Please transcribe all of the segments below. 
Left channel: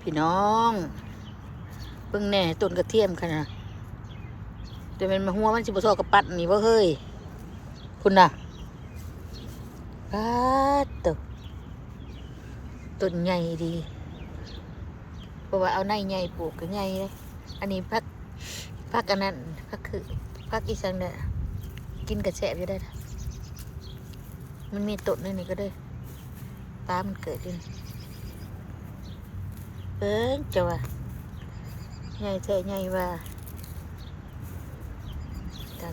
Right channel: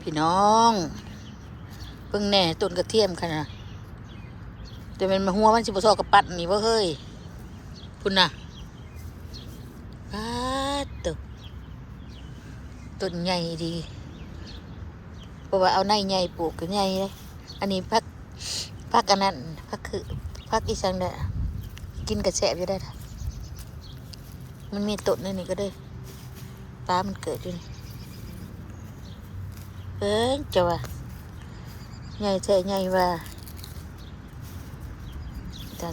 พี่น้องเพิ่งแหน่ต้นกระเทียมขนาดแต่มันมาหัวมันสิบซอกระปัดนี่บ่เฮ้ยพุ่นน่ะปัดต้นใหญ่ดีเพราะว่าเอาในใหญ่ปลูกก็ใหญ่เลยอันนี้พักอันนั้นพักคือพักอีสังเนี่ยกินกระแฉบจะได้ค่ะมันมีต้นนั่นนี่ก็ได้ปลามันเกิดอยู่นี่จะว่าใหญ่แท้ใหญ่ว่า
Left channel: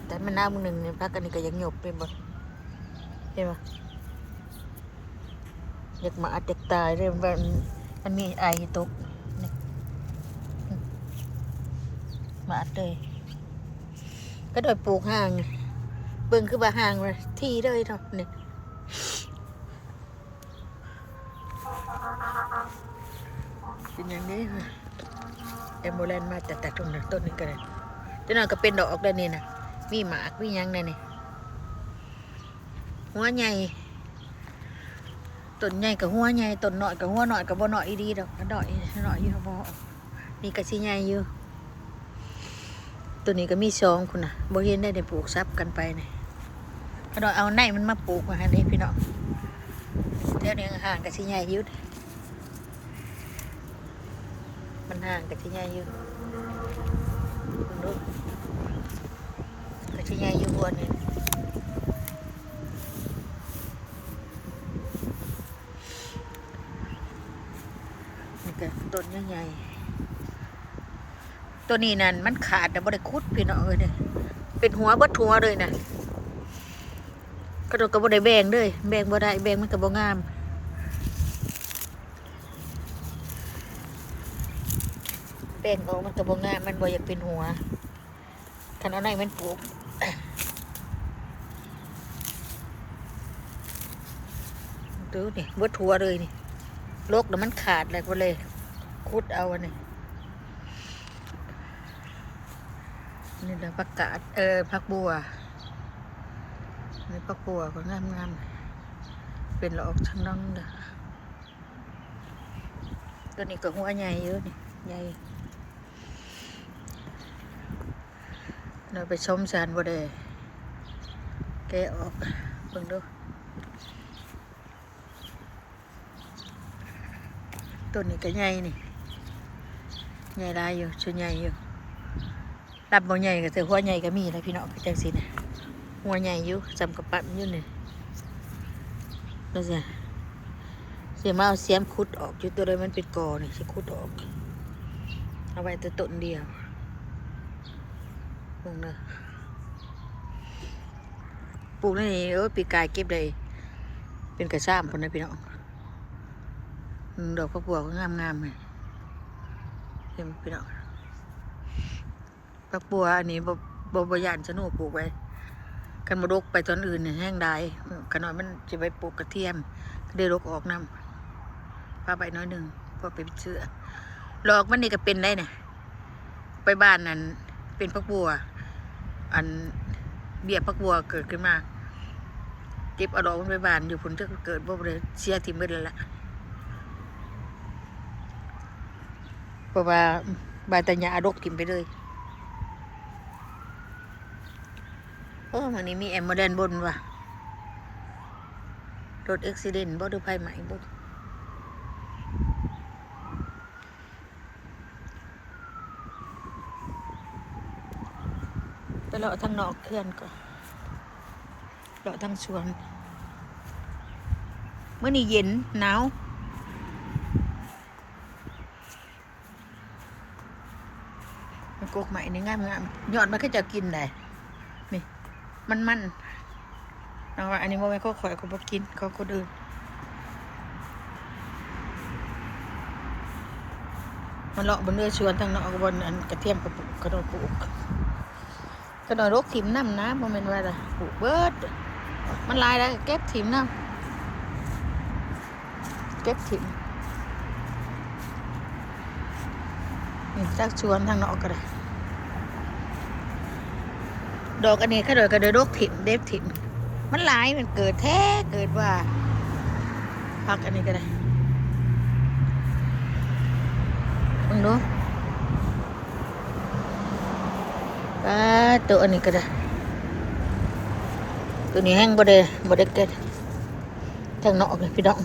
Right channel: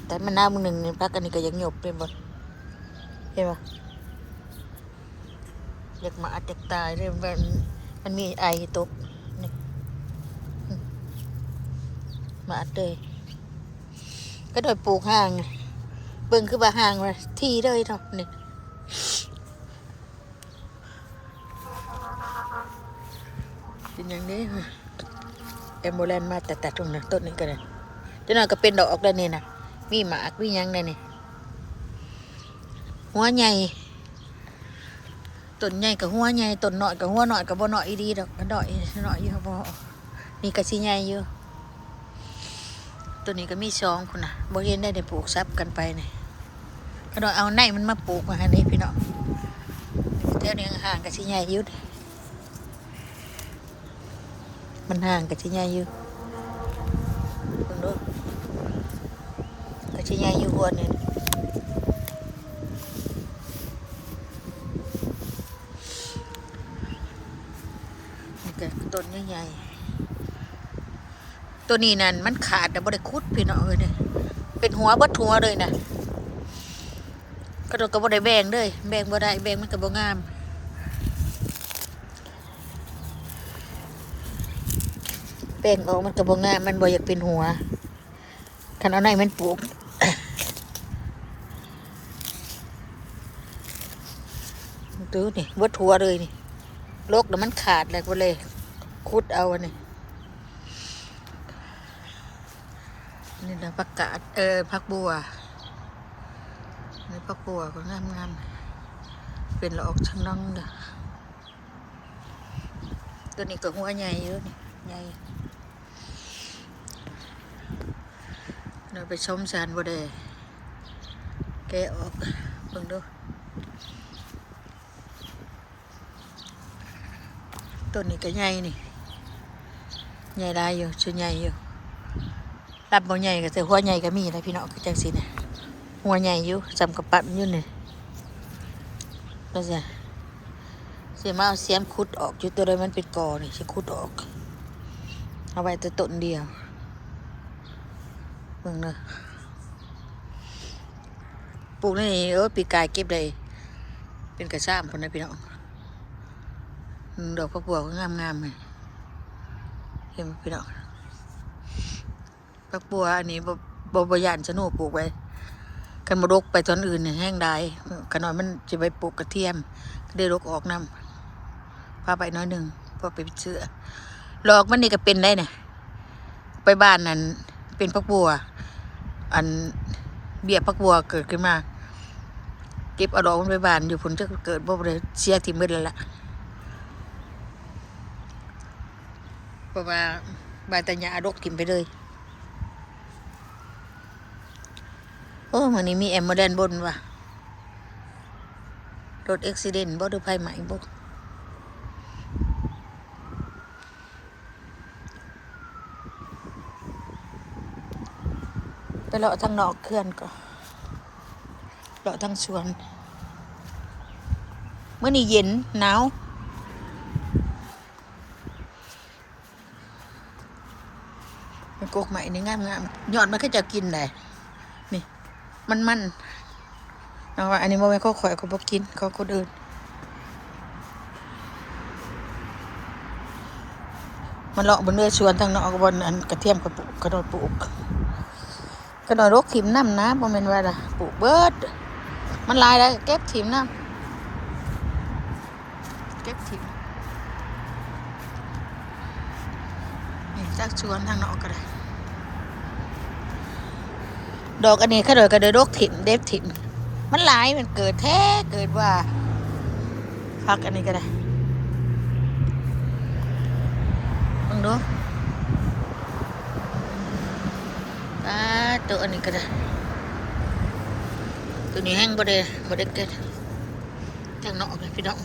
แต่มันน้ามึงหนึ่งนี่พักอันนี้ก็ยังหยบไปหมดเห็นปะอยากมาอัดอยากตายเลยมันมีไอตกนี่มาอัดเลยก็โดยปลูกห่างเบิ่งคือว่าห่างว่าที่เลยเนาะนี่เป็นอย่างนี้แอมโบเลนมาแต่ตรงนั้นต้นนี้ก็เลยจนนั้นก็เป็นดอกออกได้นี่นะมีหมากมียังได้นี่หัวใหญ่ต้นใหญ่กับหัวใหญ่ต้นน้อยกับหัวน้อยกับบ่น้อยดีดอกกันน้อยอยู่บ่มีกระชิใหญ่อยู่ตัวนี้ก็มีสองคุณนะบ่เห็นได้ปลูกซับกันไปนี่ก็ดอยเอาในมันมาปลูกมาให้พี่น้องแถวนี้ห่างกระชิใหญ่อยู่มันห่างกระชิใหญ่อยู่ลองดูกระชิใหญ่อยู่หัวนี่ต้นใหญ่ๆตัวนี้นั่นมันขาดแต่บ่ได้คุดพี่น้องเนี่ยเป็นหัวบัดหัวเลยนะกระโดดก็บ่ได้แบ่งเลยแบ่งบ่ได้แบ่งมันก็บ่งามแบ่งออกมันก็บ่งามมันบ่อยากเป็นหัวคันเอาไหนมันปลูกดูนี่บัดหัวเลยนี่โรคแล้วมันขาดเลยก็เลยคุดเอาอันนี้นี่แหละผักกาดผักบัวนี่ผักบัวก็งามเป็นละออกทั้งน้องเด้อตัวนี้ก็หัวใหญ่เยอะนี่ใหญ่เราไปชมสารบ่ได้แกะออกเบิ่งดูต้นนี้ก็ใหญ่นี่ใหญ่ได้อยู่ชุดใหญ่อยู่รับบ่ใหญ่ก็แต่หัวใหญ่ก็มีนะพี่น้องคือจังซี่นะหัวใหญ่อยู่จำกับปัดอยู่นี่ก็จะเสียมาเอาเสียมขุดออกอยู่ตัวใดมันเป็นกอนี่สิขุดออกเอาไว้แต่ต้นเดียวเบิ่งเด้อปลูกนี่ปีกายเก็บได้เป็นกระซ้ำพุ่นนะพี่น้องดอกผักบัวก็งามเลยเห็นไหมพี่น้องผักบัวอันนี้บ่ย่านสนุกปลูกไว้กันมาดกไปตอนอื่นเนี่ยแห้งได้ขนาดมันจะไปปลูกกระเทียมก็ได้รกออกน้ำพาไปน้อยหนึ่งพอไปเชื่อหลอกมันนี่ก็เป็นได้เนี่ยไปบ้านนั้นเป็นผักบัวอันเบี้ยผักบัวเกิดขึ้นมาเก็บเอาดอกมันไปบ้านอยู่ผลจะเกิดบ่เลยเสียทิ้งไปเลยล่ะเพราะว่าใบตะหญ้ารกกินไปเลยมันนี้มีแอมโมเดนบนว่ะรถอุบัติเหตุบ่ดูไฟไหม้บ่ไปเลาะทางนอกเขื่อนก็เลาะทางสวนเมื่อนี้เย็นหนาวมันกกใหม่นี่งามยอดมันก็จะกินได้นี่มันเอาว่าอันนี้โมเมนต์เขาข่อยเขาบอกกินเขาคนอื่นมันเลาะบนเรือชวนทางนอกบนอันกระเทียมกระปุกกระโดดปลูกกระโดดรกถิ่มน้ำนะโมเมนต์ว่าอะไรปลูกเบิดมันลายแล้วเก็บถิ่มน้ำเก็บถิ่มนี่จากชวนทางนอกก็ได้ดอกอันนี้เขาโดยกระโดดรกถิ่มเด็บถิ่มมันหลายมันเกิดแท้เกิดว่าพักอันนี้ก็ได้ ดูป้าตัวอันนี้ก็ได้ตัวนี้แห้งบ่ได้เกิดทางนอกเลยพี่น้อง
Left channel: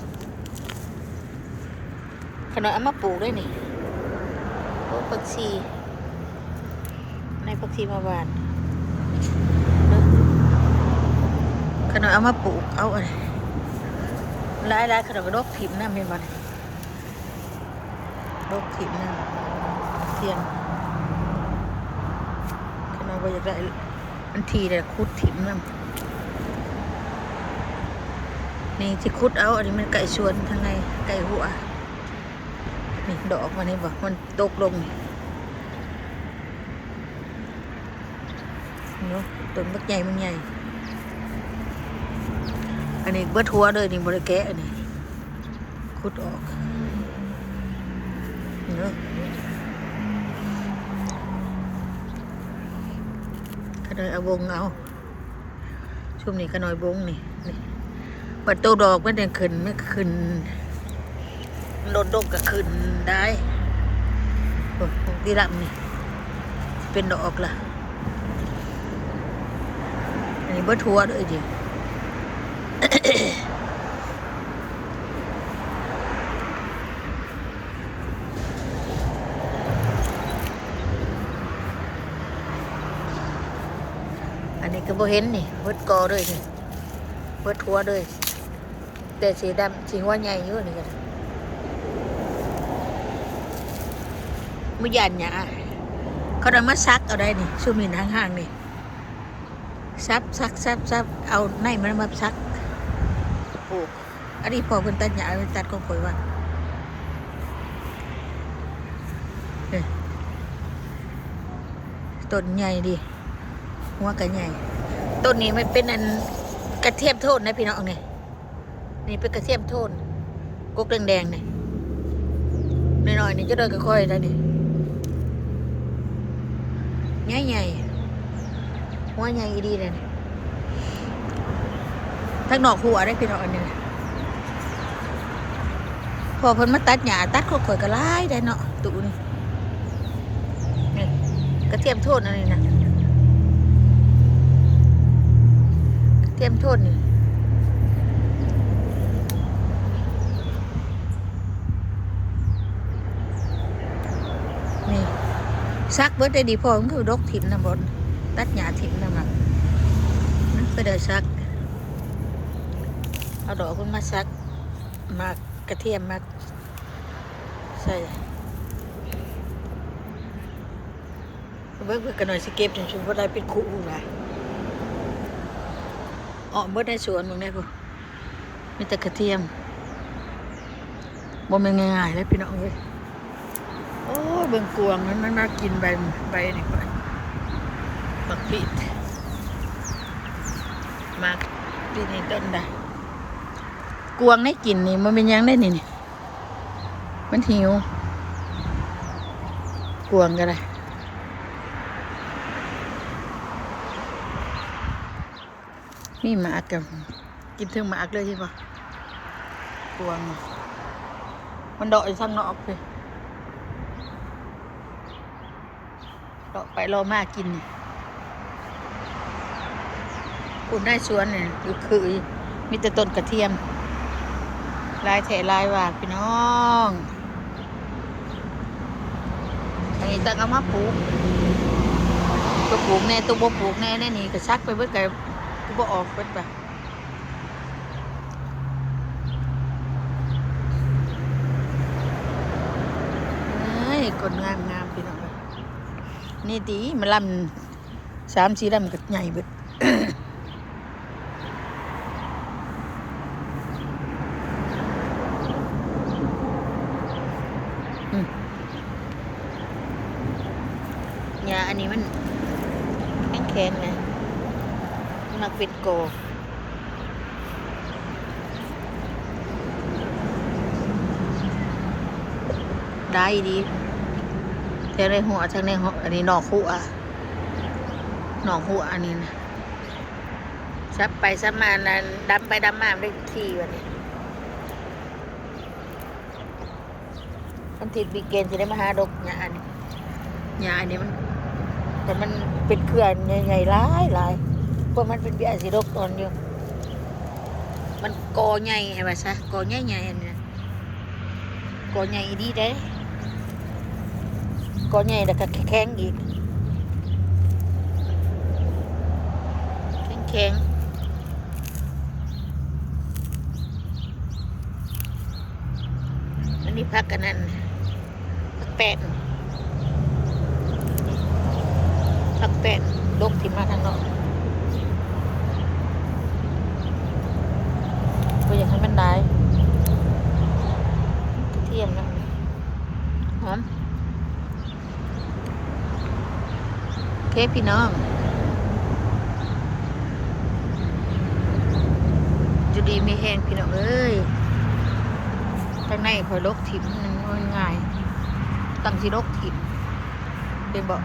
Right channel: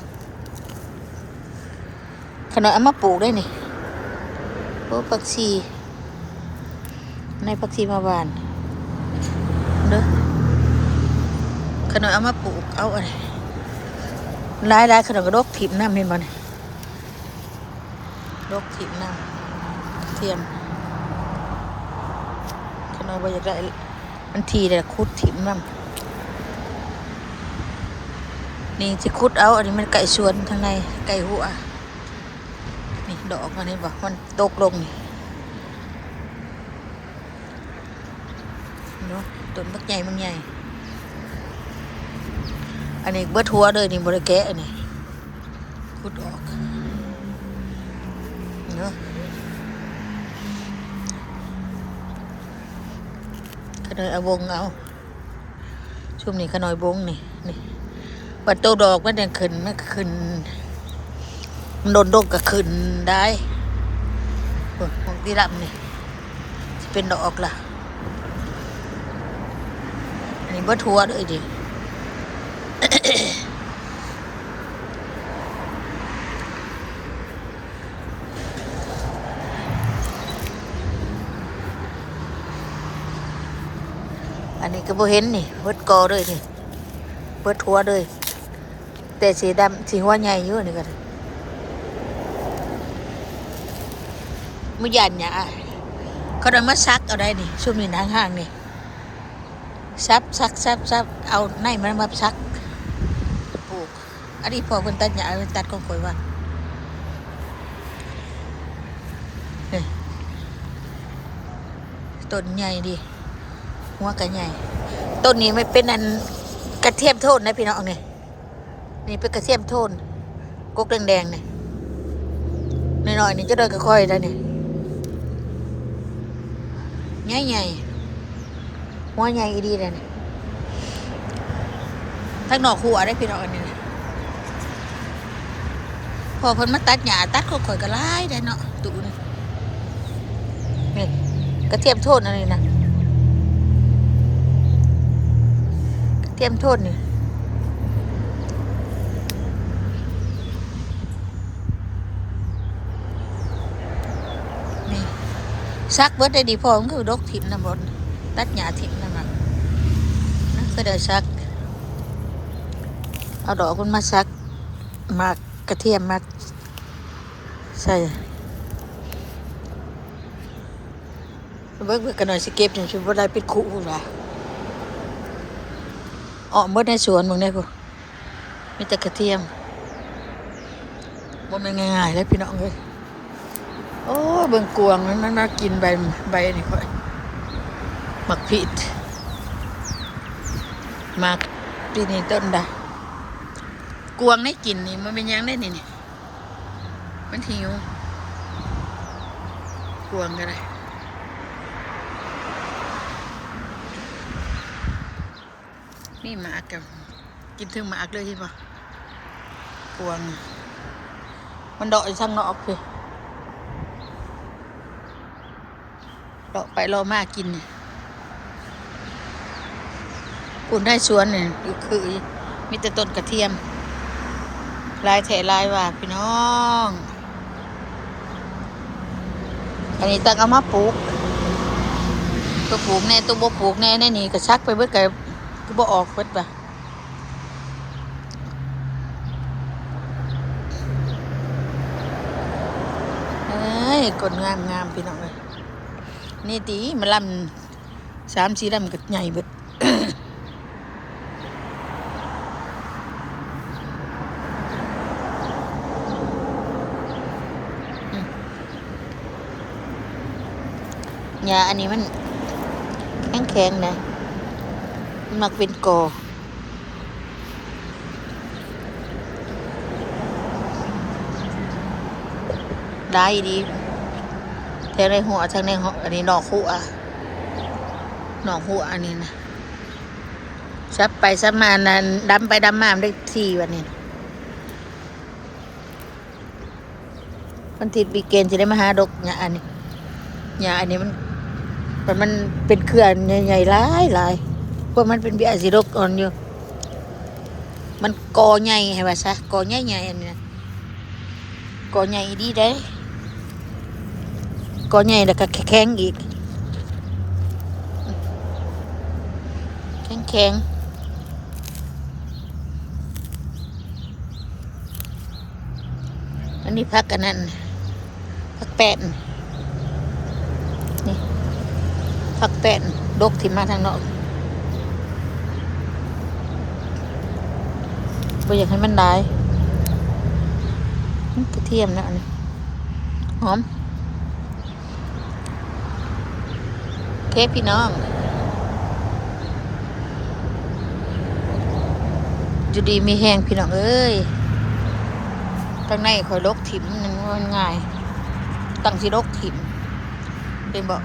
ขนาดเอามาปลูกได้นี่โอ้ผักชีในผักชีมาบานเด้อขนาดเอามาปลูกเอาอะไรหลายขนาดกระดกถิ่มน้ำเห็นมันดกถิ่มน้ำเทียมขนาดว่าอยากได้มันทีแต่คุดถิ่มน้ำนี่จะคุดเอาอันนี้มันไก่สวนทางในไก่หัวนี่ดอกมันนี่บอกมันตกลงเนาะต้นบักใหญ่มันใหญ่อันนี้เบิดหัวเลยนี่บริแกะอันนี้คุดออกเนาะขนอยเอาวงเอาช่วงนี้ขนอยวงนี่บัดโตดอกมันยังขึ้นมันขึ้นมันโดนดกก็ขึ้นได้โอ้ของที่ดำนี่เป็นดอกล่ะอันนี้เบิดหัวด้วยดิ อันนี้ก็บ่เห็นนี่เบิดกอด้วยนี่เบิดหัวด้วยแต่สีดำสีหัวใหญ่อยู่นี่ก็ได้มือยันหยาเขาได้มาซักเอาได้นี่ช่วงนี้ห่างๆนี่ซับเอาในมันมาซักปลูกอันนี้พอเป็นตัดหยาเป็นตัดของข่อยว่าต้นใหญ่ดิหัวกระใหญ่ต้นนี้ไม่เป็นอันกระเทียมโทนนะพี่น้องเนี่ยนี่เป็นกระเทียมโทนกุ๊กแดงๆเนี่ยน้อยๆนี่จะเดินค่อยๆได้เนี่ยใหญ่หัวใหญ่ดีเลยเนี่ยทั้งนอกหัวได้พี่น้องอันนี้พอเพิ่นมาตัดหญ้าตัดค่อยๆก็ไล่ได้เนาะตู่นี่กระเทียมโทนอันนี้นะกระเทียมโทนนี่ซักเบิดได้ดีพอมันคือดกถิ่มน้ำบดตัดหญ้าถิ่มน้ำมันนะก็ได้ซักเอาดอกมันมาซักมากระเทียมมาใส่เบิกกันหน่อยสิเก็บถึงชุบได้เป็นคู่ว่ะออกเบิดในสวนมึงได้ปุ๊มีแต่กระเทียมบ่แม่นง่ายๆเลยพี่น้องเลยโอ้เบิ่งกวางมันน่ากินใบนี่ค่อยหมักผิดหมักปีนี้ต้นได้กวางได้กินนี่มันเป็นยังได้นี่มันหิวกวางก็ได้นี่หมากกับกินถึงหมากเลยใช่ปะกวางมันดอกอยู่ทางนอกพี่รอไปรอมากินนี่ปุ่นได้สวนนี่คือมีแต่ต้นกระเทียมลายแถลายว่าพี่น้องอันนี้ตั้งเอามาปลูกตัวปลูกแน่ตัวบ่ปลูกแน่แน่นี่กระชักไปเบิดกับกูบ่ออกเบิดป่ะเอ้ยกดงามพี่น้องเลยนี่ตีมันลำ3-4ลำก็ใหญ่เบิดหญ้าอันนี้มันแข็งนะมันมักเป็นกอได้ดีแทงในหัวทางในหัวอันนี้หนอกหัวอันนี้นะซับไปซับมานั่นดำไปดำมาได้ทีวันนี้ มันติดวีเกนจะได้มาหาดอกหญ้าอันนี้หญ้าอันนี้มันเป็นเครือใหญ่ๆหลายพวกมันเป็นเบี้ยสีดกอ่อนอยู่มันกอใหญ่ให้ว่าซะกอใหญ่ๆอันนี้นะกอใหญ่ดีได้กอใหญ่แล้วก็แข็งอีกแข็งอันนี้พักกันนั่นพักแป้นนี่พักแป้นดกที่มาทางนอกก็อยากให้มันได้กระเทียมนะอันนี้หอมโอเคพี่น้องอยู่ดีมีแห้งพี่น้องเอ้ยข้างในคอยลกถิ่มมันง่ายตั้งที่ลกถิ่มเป็นบ่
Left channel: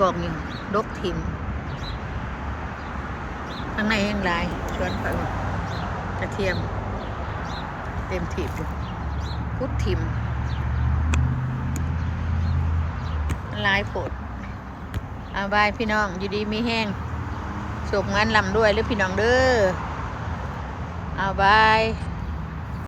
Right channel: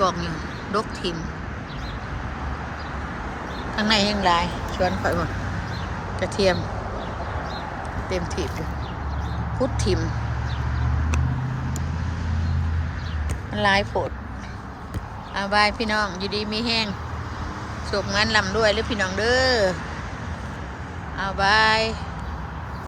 กองอยู่ลกถิ่มข้างในแห้งลายชวนคอยหมดกระเทียมเต็มถิ่มอยู่พุดถิ่มมันลายโผดเอาบายพี่น้องอยู่ดีมีแห้งโศกงานลำด้วยหรือพี่น้องเด้อเอาบาย